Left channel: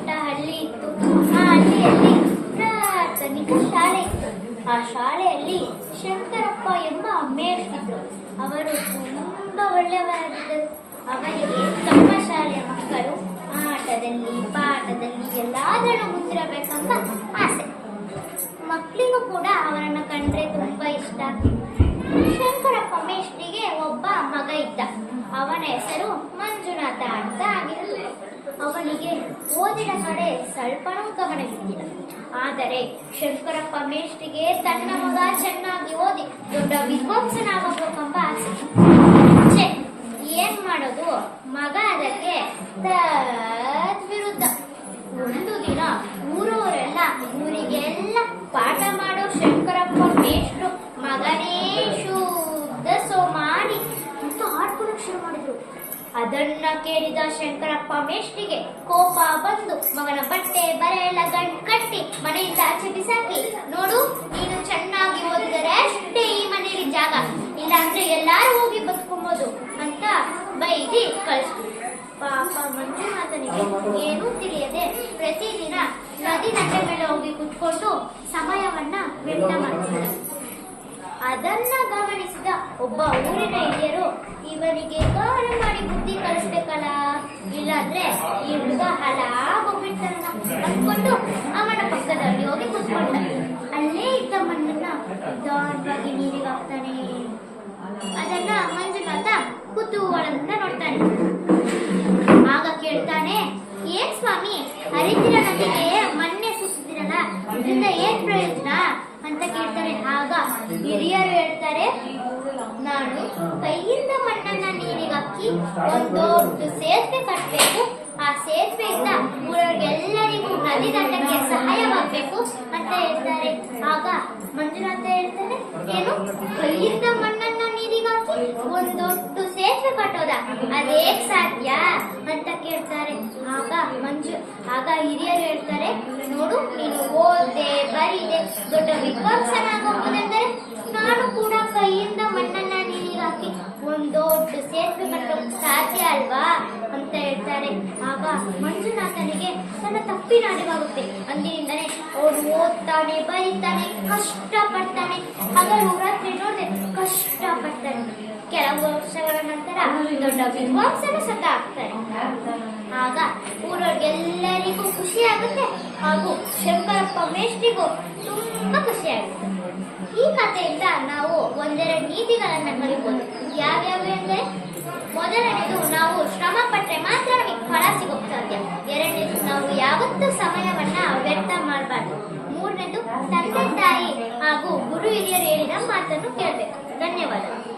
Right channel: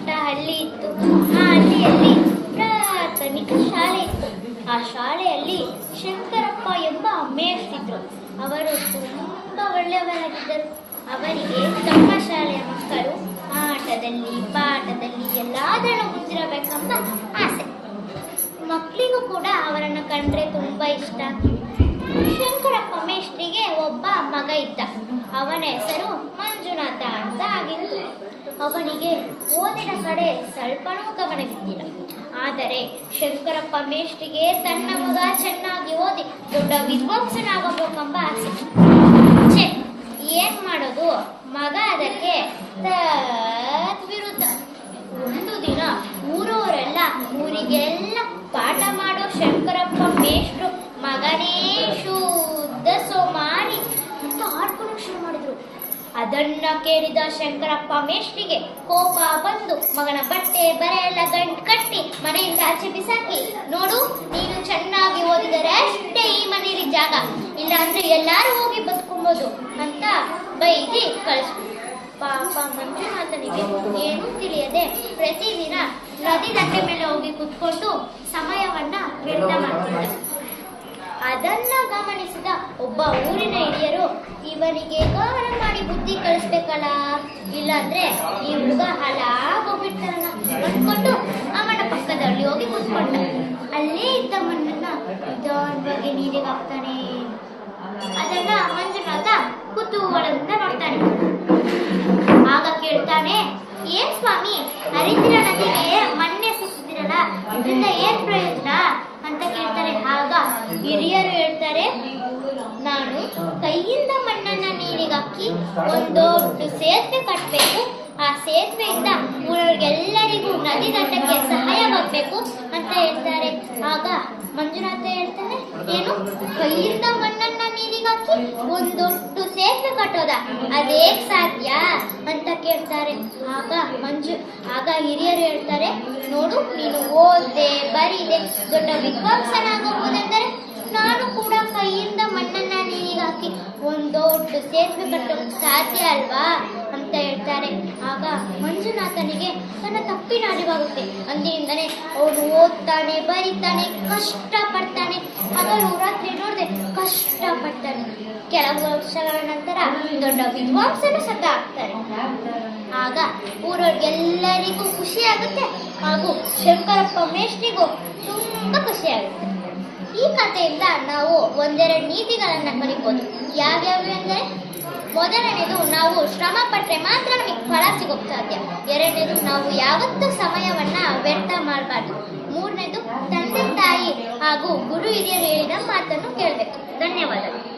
ಪುಟ್ಟ ಹಳ್ಳಿ ಇತ್ತು. ಆ ಹಳ್ಳಿಯಲ್ಲಿ ಪ್ರಾಥಮಿಕ ಶಾಲೆ ಇತ್ತು. ಆ ಶಾಲೆಯಲ್ಲಿ ಶಂಕರಪ್ಪ ಎಂಬ ಮೇಷ್ಟಿದ್ರು ಅವರು ತುಂಬಾ ಒಳ್ಳೆಯವರಾಗಿದ್ದರು. ಅವರಿಗೆ ತಮ್ಮ ಶಾಲೆಯ ಮಕ್ಕಳು, ಆಟದಲ್ಲಿ, ಪಾಠದಲ್ಲಿ ಎಲ್ಲಾದರೂ ಮುಂದಿರಬೇಕೆಂಬ ಆಸೆ. ಮಕ್ಕಳಿಗೂ ಕೂಡ ಅವರನ್ನು ಕಂಡ್ರೆ ತುಂಬಾ ಇಷ್ಟ. ಶಂಕರಪ್ಪ ಮೇಷ್ಟ್ರಿಗೆ ಒಬ್ಬ ಮಗ ಇದ್ದ. ಅವನ ಹೆಸರು ಮಂಜುನಾಥ ಅಂತ ಆಗಿರಲಿಲ್ಲ ಅವನಿಗೆ ಓದಿನ ಕಡೆ ಸ್ವಲ್ಪನೂ ಗಮನವಿದ್ದಿಲ್ಲ ಆದರೆ ಶಂಕರಪ್ಪ ಮೇಷ್ಟಿಗೆ ತನ್ನ ಮಗ ಚೆನ್ನಾಗಿ ಓದಿ ದೊಡ್ಡ ವಿದ್ವಾಂಸನಾಗಬೇಕೆಂಬ ಆಸೆ. ಏನ್ ಮಾಡೋದು? ಮಗ ಅದಕ್ಕೆ ವಿರುದ್ಧ ಒಂದು ದಿನ ಊರವರೆಲ್ಲ ಊರಿಗೆಲ್ಲ ಪಾಠ ಮಾಡೋ ಶಂಕರಪ್ಪ ಮೇಷ್ಟ್ರು ಮಗನೇ ಅದನ್ನ ಕೇಳಿದ ಶಂಕರಪ್ಪ ಮೇಷ್ಟಿಗೆ ಕೋಪ ಬಂದು, ಮಗನ ಬಟ್ಟೆ ಬರೆ ಎಲ್ಲ ಗಂಟು ಕಟ್ಟಿ, ಮನೆಯಿಂದ ಆಚೆ ಬಿಸಾಕಿ. ನೋಡು, ನೀನು ಚೆನ್ನಾಗಿ ಓದಿದರೆ ಅಷ್ಟೇ ಈ ಮನೇಲಿ ಜಾಗ. ಇಲ್ಲ ಅಂದ್ರೆ ಎಲ್ಲಾರು ಹೋಗಿ ಬದುಕೊಂಬೋದು ಅಂತ ಬೈದಿ ಕಳಿಸ್ಬಿಟ್ಟು ಪಾಪ ಮಂಜುನಾಥನಿಗೆ ಏನೂ ತಿಳಿಯದೆ ಪ್ರತಿದಿನ ನದಿ ದಂಡೆ ಮೇಲೆ ಹೋಗಿ ಕುತ್ಕೊಂಡು ಸಮಯವನ್ನ ವ್ಯರ್ಥ ಮಾಡ್ತಿದ್ದ. ಅದನ್ನ ಗಮನಿಸಿದ ಒಬ್ಬ ಊರಿನ ಹಿರಿಯರು ಇವನಿಗೆ ಗೌರವ ಮಾಡಿ ಬುದ್ಧಿ ಕಲಿಸ್ಬೇಕಲ್ಲ? ಇಲ್ಲಾಂದ್ರೆ ಈ ಹುಡುಗ ಹಾಳಾಗೋಗ್ಬಿಡ್ತಾನಲ್ಲ ಅಂದ್ಕೊಂಡು ಅವನ ಪಕ್ಕದಲ್ಲಿ ಹೋಗಿ ಕೂತ್ಕೊಂಡು. ಅಲ್ಲೇ ಇದ್ದ ಮಣ್ಣನ್ನ ನಿಧಾನವಾಗಿ ನೀರಿಗೆ ಹಾಕ್ತಾನೆ. ಅದನ್ನ ಮಂಜುನಾಥ ಕುತೂಹಲದಿಂದ ನೋಡ್ತಾನೆ. ಆಗ ಕೇಳ್ತಾನೆ, ಏನ್ ಸ್ವಾಮಿ ಹರಿತಿರ ನದಿಗೆ ಮಣ್ಣೆ ಸಿಕ್ಕಿದಿರಲ್ಲ ಇದರಿಂದ ಏನ್ ಪ್ರಯೋಜನ? ಅಂತ ಕೇಳ್ತಾರೆ. ಆಗ ಹಿರಿಯರು ಹೇಳ್ತಾರೆ ನಾನು ಕೈಯಿಂದ ಮಣ್ಣನ್ನ ನೀರಿಗೆ ಹಾಕಿ ಒಂದು ದೊಡ್ಡ ಸೇತುವೆ ಕಟ್ಟಬೇಕು ಆ ಸೇತುವೆಯಿಂದ ಊರವ್ರಿಗೆಲ್ಲರಿಗೂ ನದಿ ದಂಡಕ್ಕೆ ಸಹಾಯವಾಗಬೇಕು ಅಂತ ಹೇಳ್ತಾರೆ. ಆಗ ಮಂಜುನಾಥ ಹೇಳ್ತಾರೆ ಏನು? ಕೈಯಿಂದ ಮಣ್ಣನ್ನ ನೀರಿಗೆ ಹಾಕಿ ಒಂದು ದೊಡ್ಡ ಸೇತುವೆ ಕಟ್ಟೋದ? ಅದೇ ಸಾಧ್ಯ ಅಂತ ಕೇಳ್ತಾರೆ. ಆಗ ಮಂಜು ಆಗ ಹಿರಿಯರು ಹೇಳ್ತಾರೆ ನೋಡು ನೀನು ಓದೆ ಬರೀದೆ ದೊಡ್ಡ ವಿದ್ವಾಂಸನಾಗಬಹುದೆಂದರೆ ಸೇತುವೆ ಕಟ್ಟೋಕ್ ಸಾಧ್ಯ ಅಲ್ವಾ ಅಂತ ಹೇಳ್ತಾರೆ. ಆಗ ಮಂಜುನಾಥನಿಗೆ ತನ್ನ ತಪ್ಪಿನ ಅರಿವಾಗುತ್ತೆ. ಅಂದಿನಿಂದನೇ ಅವನು ಓದ್ತಾನೆ, ಬರೀತಾನೆ ಕಷ್ಟ ಪಡ್ತಾನೆ ಹಗಲು ರಾತ್ರಿ ನೋಡಿದೆ ಕಷ್ಟ ಪಡ್ತಾನೆ ಕೆಲವು ವರ್ಷಗಳ ನಂತರ ದೊಡ್ಡ ವಿದ್ವಾಂಸನ ಸತ ಆಗ್ತಾರೆ ಆಗ ಊರವ್ರಿಗೆಲ್ಲರಿಗೂ ಖುಷಿ ಆಗುತ್ತೆ ಹಾಗೂ ಶಂಕರಪ್ಪ ಮೇಷ್ಟಿಗೂ ತುಂಬಾ ಖುಷಿ ಆಗುತ್ತೆ. ಈ ಕಥೆಯಿಂದ ನಾವು ಒಂದೆರಡು ನೀತಿಗಳನ್ನ ಕಲಿಬಹುದು ಯಾವ್ಯಾವ ಎಂದ್ರೆ, ಮೊದಲನೇದು ನಾವು ಶ್ರಮ ಪಟ್ಟರೆ ಮಾತ್ರ ಫಲ ಸಿಗೋಕ್ ಸಾಧ್ಯ. ಎರಡನೇದು ನಾವು ಯಾವತ್ತೂ ಸಮಯವನ್ನ ವ್ಯರ್ಥ ಮಾಡಬಾರ್ದು. ಮೂರನೇದು ತಂದೆ ತಾಯಿ ಹಾಗೂ ಗುರು ಹಿರಿಯರು ಹೇಳಿದ ಮಾತನ್ನು ಕೇಳಬೇಕು. ಧನ್ಯವಾದಗಳು.